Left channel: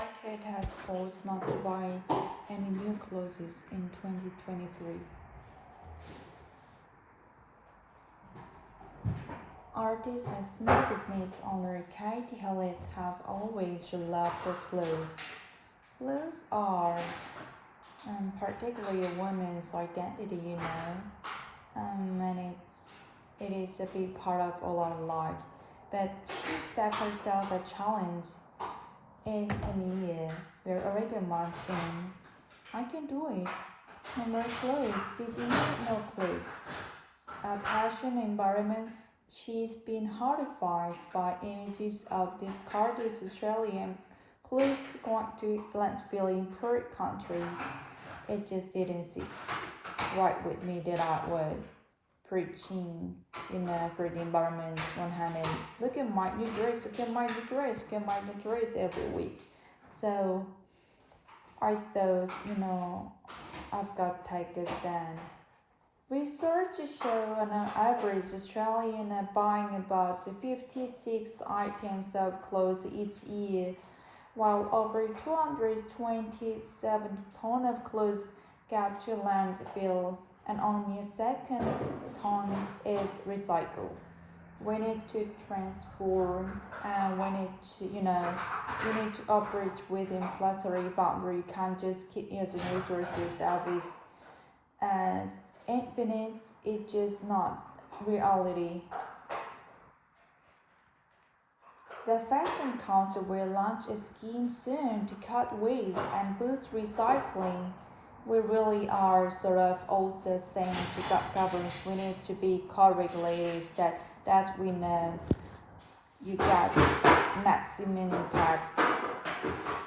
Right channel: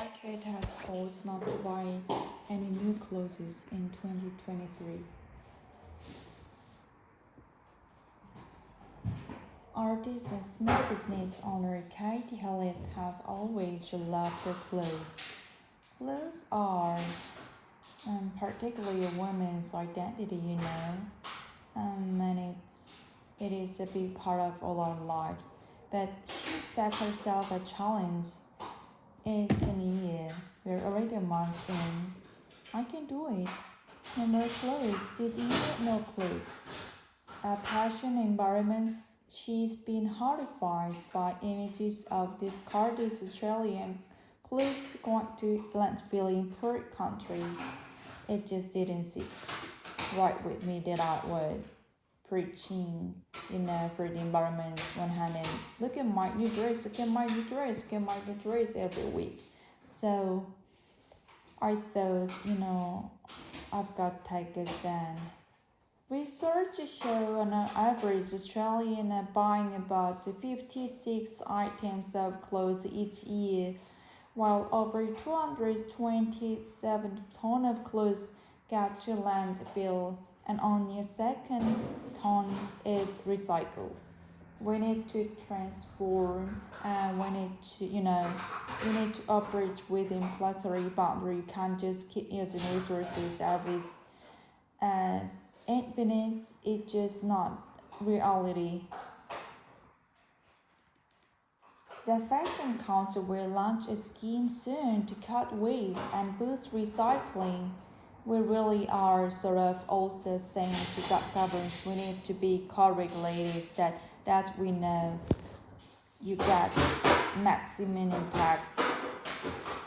market has forced not to buy any new clothes in 2023. Artist and small business owner Katie Hillett has always loved her clothes. Clothes are, particularly a woman's identity, and it is a big part of all our lives. But she set herself a challenge. It's a new year. We're already a month in. I can do it. No more clothes. This year, no clothes. Passion environments. She's been horrified by images of discarded Australian clothes going to landfill in poor country. It just didn't sit right with me that I was preaching, for the environment one hand and look at my new dress, look at my new dress, look at my new dress every week. So I thought, I've got to take a stand. Research show an average Australian buying about 56 items of clothes each year, while over 227 tons of clothes get to landfill and only a second tons is recycled. We need to transform and we need to operate within planetary boundary. You can't just keep using resources as infinite. It's just not reality. The Fashion Council will launch a scheme soon to cut waste and boost recycling. We really are sort of also saying to governments we need to be co-regulators that we know you get maximum impact.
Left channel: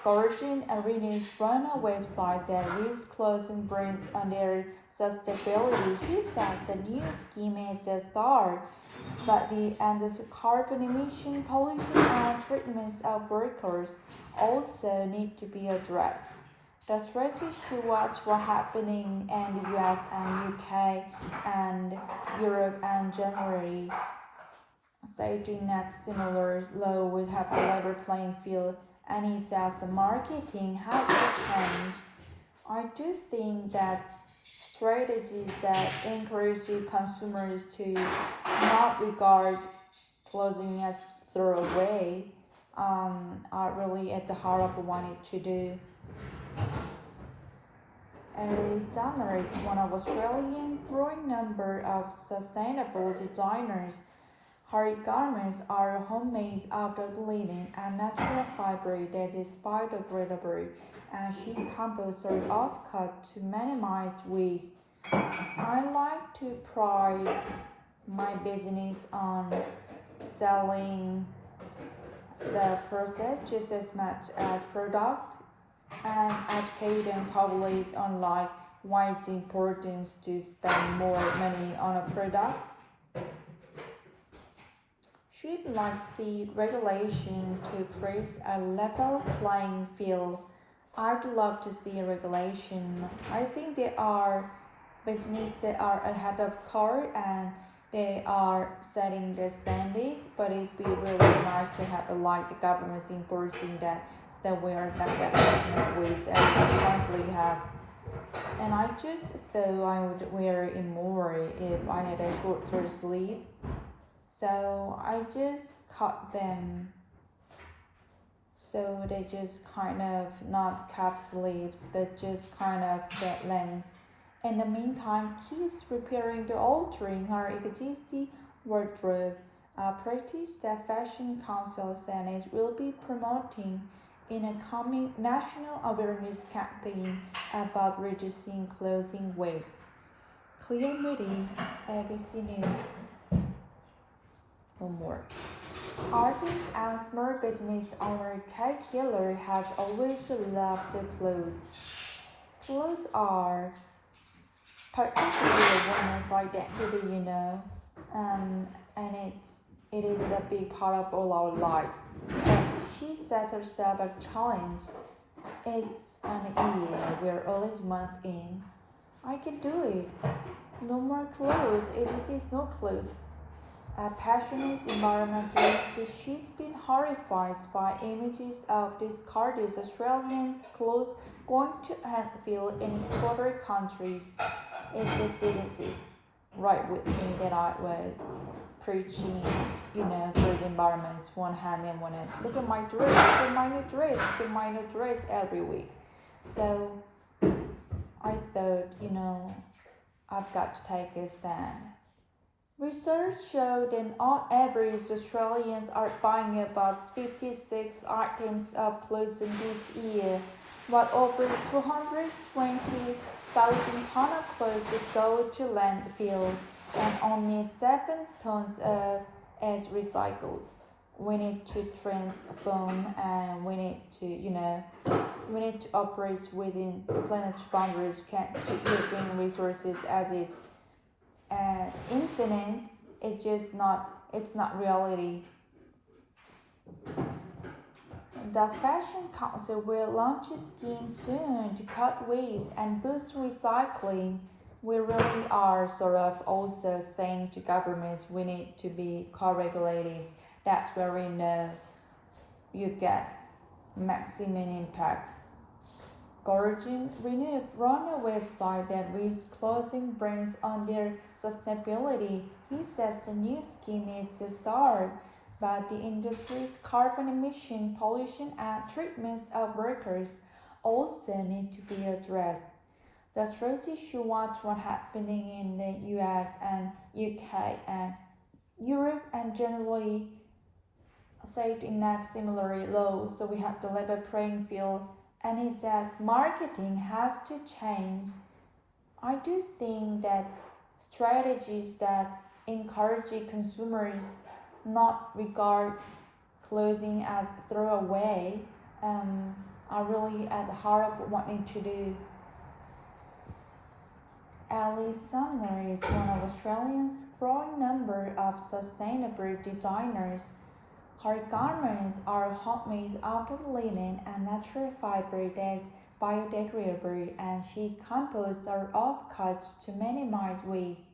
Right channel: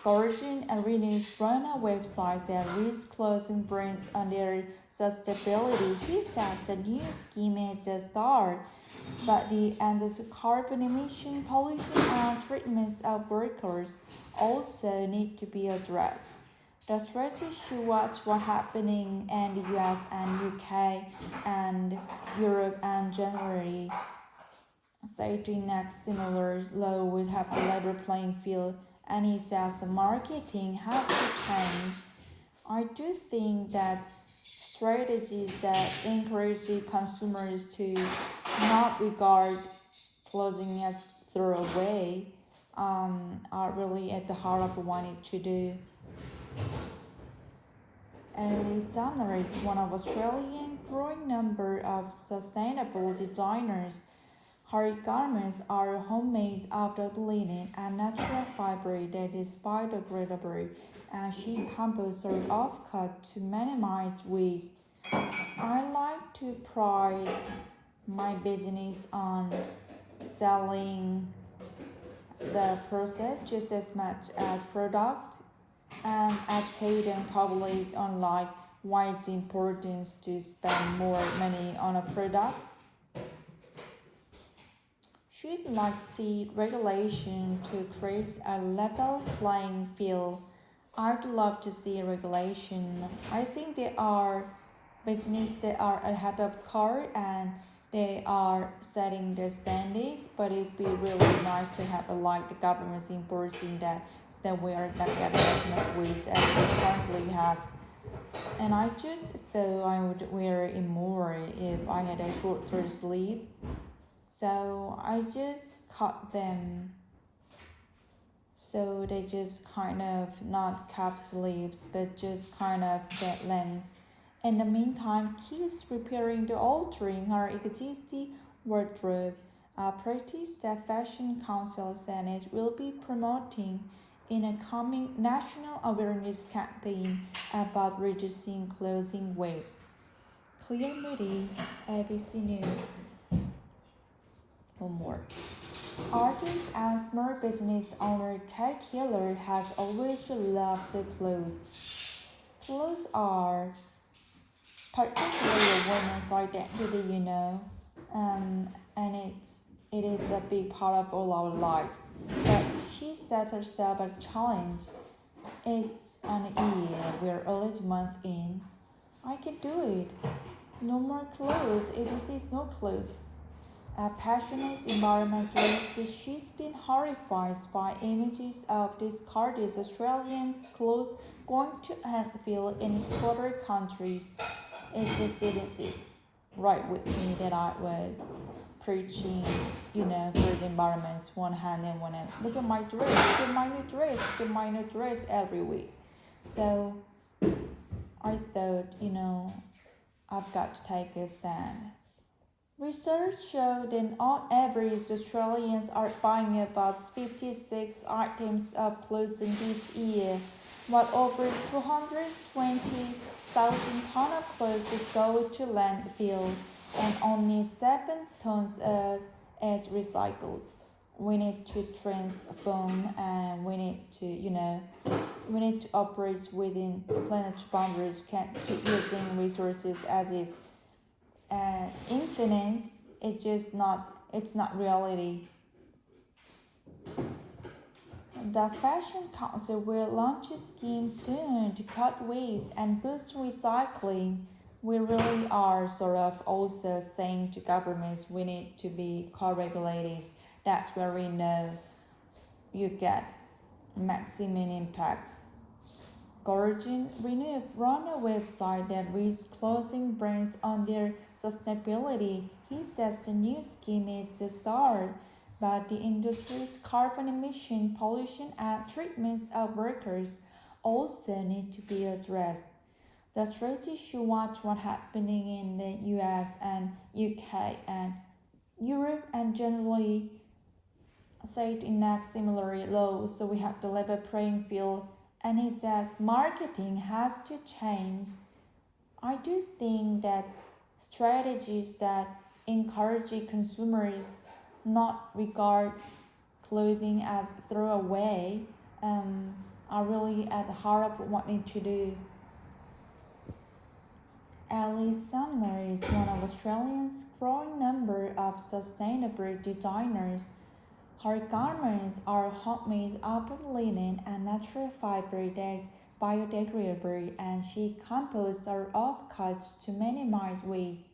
Guardian and Renews run a website that lists clothing brands on their sustainability. He says the new scheme is a start, but the carbon emission, pollution, and treatments of workers also need to be addressed. The strategy should watch what's happening in the US and UK and Europe and January. So to enact similar law would have the level playing field, and it says the marketing has to change. I do think that strategies that encourage consumers to not regard clothing as throwaway are really at the heart of what we need to do. Early Summer is one of Australia's growing number of sustainable designers. Her garments are homemade out of linen and natural fiber that is biodegradable, and she composed her offcut to minimize waste. I like to pride my business on selling the process just as much as product and educating public on why it's important to spend more money on a product. She'd like to see regulation to create a level playing field. I'd love to see a regulation. I think there are businesses that are ahead of curve and they are setting the standard, but it'd be really nice to have the government's enforcing that so that we are not getting as much waste as we currently have. And I just thought I would wear it more if I had a shorter sleeve. So I just cut them so they just kind of not cap sleeves but just kind of that length. In the meantime, keeps repairing the altering her existing wardrobe, a practice that Fashion Council said it will be promoting in a coming national awareness campaign about reducing clothing waste. Clear Moody, ABC News. One more. Artist and small business owner Kate Hiller has always loved the clothes. Clothes are particularly a woman's identity, and it is a big part of all our lives. But she set herself a challenge. It's an year, we're only a month in. I can do it. No more clothes, ABC is no clothes. A passionate environmentalist, she's been horrified by images of discarded Australian clothes going to landfill in other countries. It just didn't sit right with me that I was preaching, for the environment one hand and one hand. Look at my dress, look at my new dress, look at my new dress every week. So I thought, I've got to take a stand. Research showed that on average Australians are buying about 56 items of clothing this year, while over 220,000 tons of clothes go to landfill and only 7 tons of is recycled. We need to transform and we need to operate within planetary boundaries. We can't keep using resources as is. Infinite, it's not reality. The Fashion Council will launch a scheme soon to cut waste and boost recycling. We really are sort of also saying to governments we need to be co-regulators. That's where we know you get maximum impact. Gordon Renewed run a website that reads clothing brands on their sustainability. He says the new scheme is a start, but the industry's carbon emission, pollution, and treatments of workers also need to be addressed. The threat issue what's happening in the US and UK and Europe and generally say to enact similar laws, so we have to level playing field. And he says marketing has to change. I do think that strategies that encourage consumers not regard clothing as throwaway are really at the heart of what we need to do. Alice Sumner is one of Australia's growing number of sustainable designers. Her garments are homemade out of linen and natural fiber that's biodegradable, and she composes her offcuts to minimize waste.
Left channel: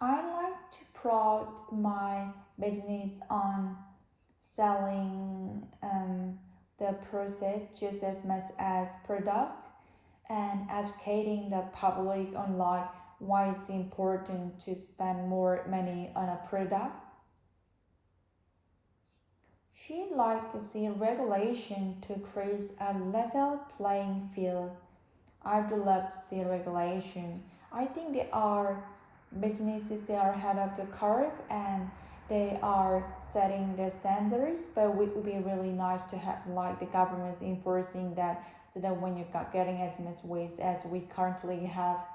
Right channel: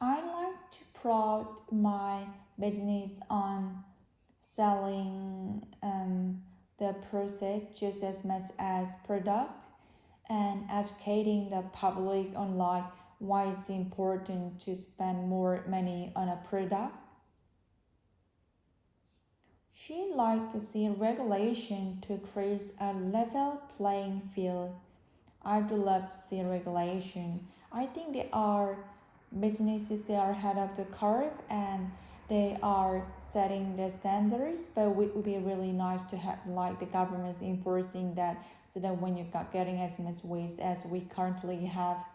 I like to promote my business on selling the process just as much as product and educating the public on why it's important to spend more money on a product. She'd like to see regulation to create a level playing field. I'd love to see regulation. I think there are businesses that are ahead of the curve and they are setting the standards, but it would be really nice to have the governments enforcing that so that when you're not getting as much waste as we currently have.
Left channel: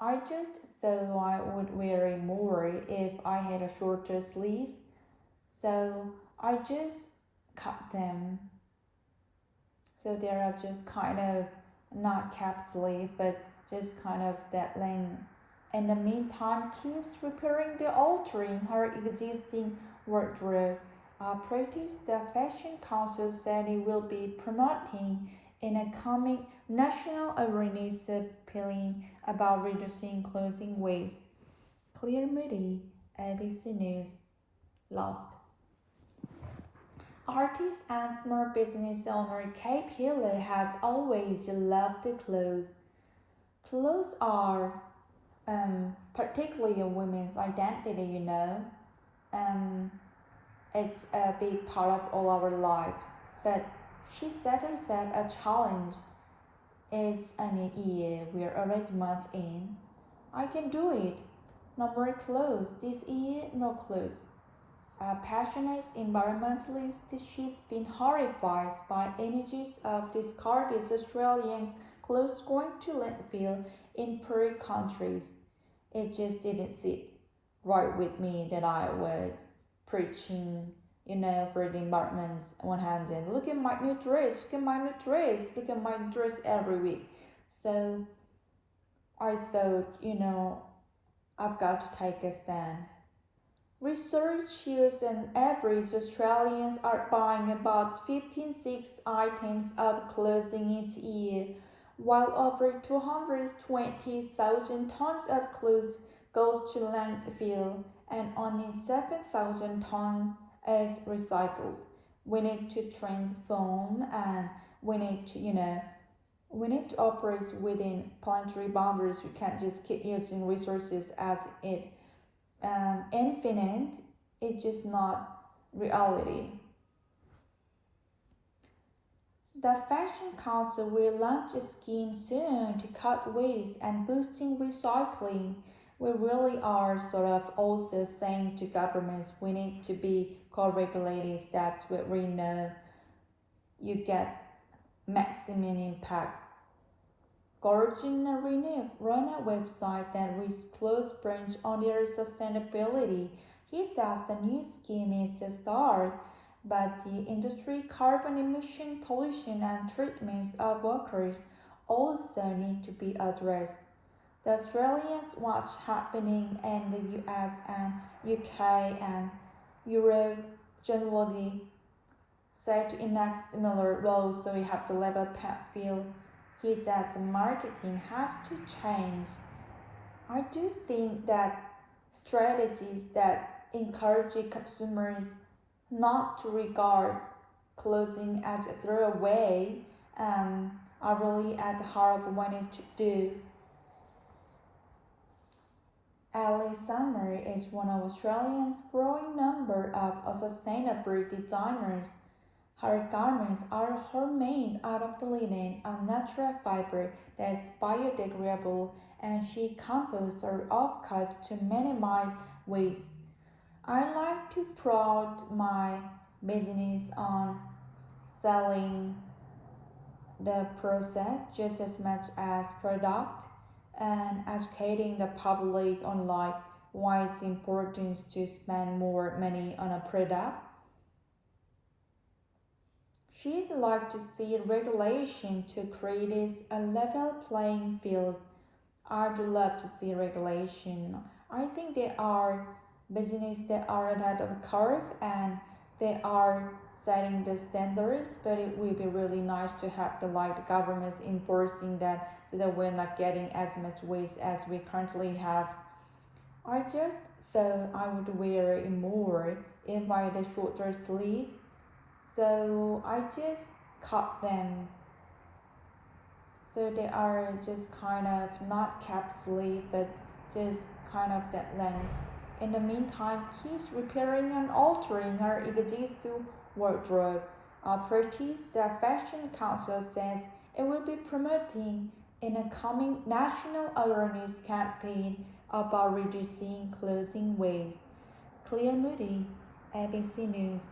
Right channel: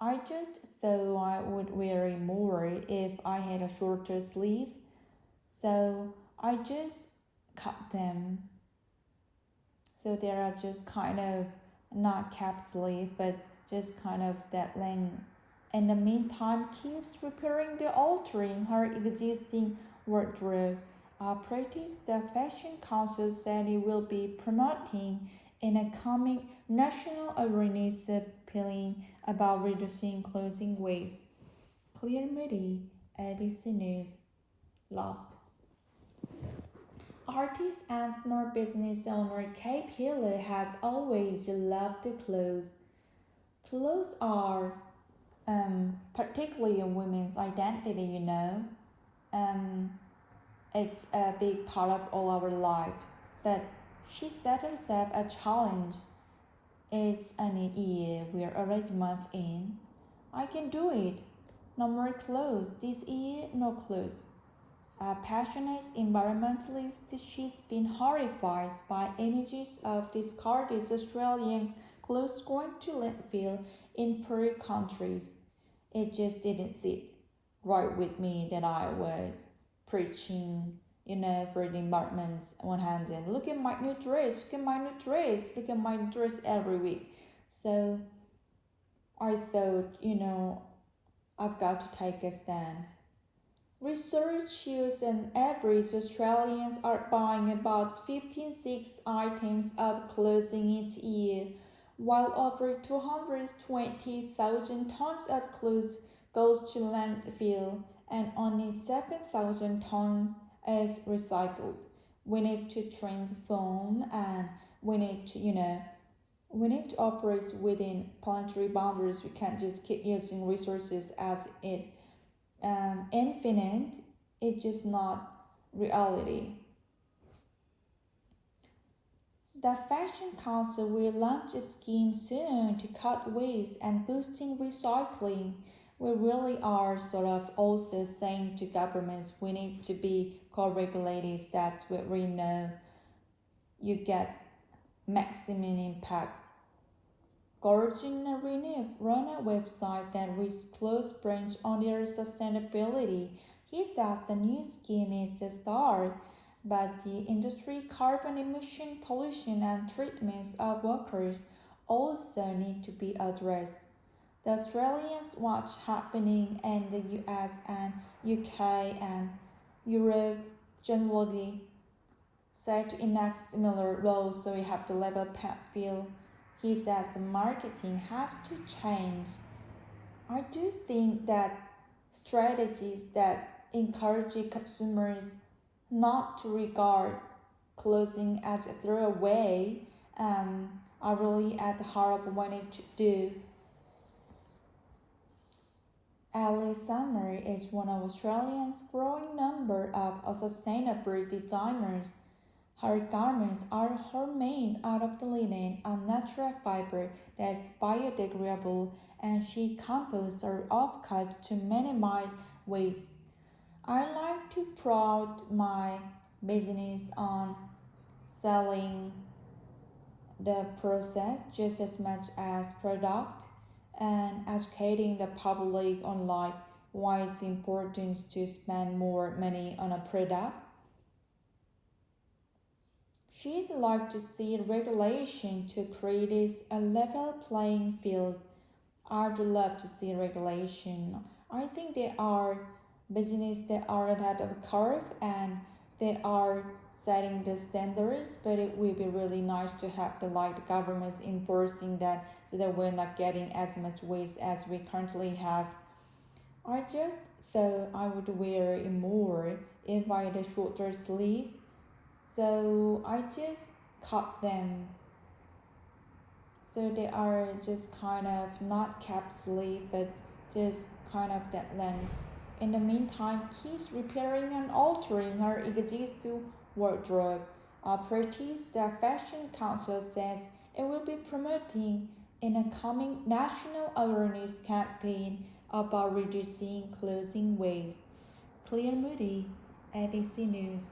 I just thought I would wear more if I had a shorter sleeve, so I just cut them so they are just kind of not cap sleeve but just kind of that length. In the meantime, keeps repairing the altering her existing wardrobe. Practice the Fashion Council said it will be promoting in a coming national awareness appealing about reducing clothing waste. Clear Moody, ABC News. Lost. Artist and small business owner Kate Hiller has always loved clothes. Clothes are particularly a women's identity, it's a big part of all our life. But she set herself a challenge. It's a new year, we're already a month in. I can do it. No more clothes. This year, no clothes. A passionate environmentalist, she's been horrified by images of discarded Australian clothes going to landfill in poor countries. It just didn't sit right with me that I was preaching, for the environment one hand and look at my new dress, look at my new dress, look at my dress every week. So I thought, I've got to take a stand. Research shows an average Australians are buying about 56 items of clothing each year, while over 220,000 tons of clothes goes to landfill and only 7,000 tons is recycled. We need to transform, and we need to we need to operate within planetary boundaries. We can't just keep using resources as it infinite. It's just not reality. The Fashion Council will launch a scheme soon to cut waste and boosting recycling. We really are sort of also saying to governments we need to be co-regulated. That's what we know you get maximum impact. Gardner run a website that reads close branch on their sustainability. He says the new scheme is a start, but the industry carbon emission, pollution, and treatments of workers also need to be addressed. The Australians watch happening in the US and UK and Europe generally set to enact similar laws, so we have to level playing field. He says marketing has to change. I do think that strategies that encourage consumers not to regard clothing as a throwaway are really at the heart of what we need to do. Ali Summer is one of Australia's growing number of sustainable designers. Her garments are homemade out of the linen, a natural fiber that is biodegradable, and she composes her offcut to minimize waste. I like to proud my business on selling the process just as much as product and educating the public on like why it's important to spend more money on a product. She'd like to see regulation to create a level playing field. I'd love to see regulation. I think there are businesses that are ahead of the curve and they are setting the standards, but it will be really nice to have the governments enforcing that so that we're not getting as much waste as we currently have. I just thought I would wear it more if I had a shorter sleeve, so I just cut them so they are just kind of not cap sleeve but just kind of that length. In the meantime, keeps repairing and altering her existing wardrobe. Properties the Fashion Council says it will be promoting in a coming national awareness campaign about reducing clothing waste. Clear Moody, ABC News.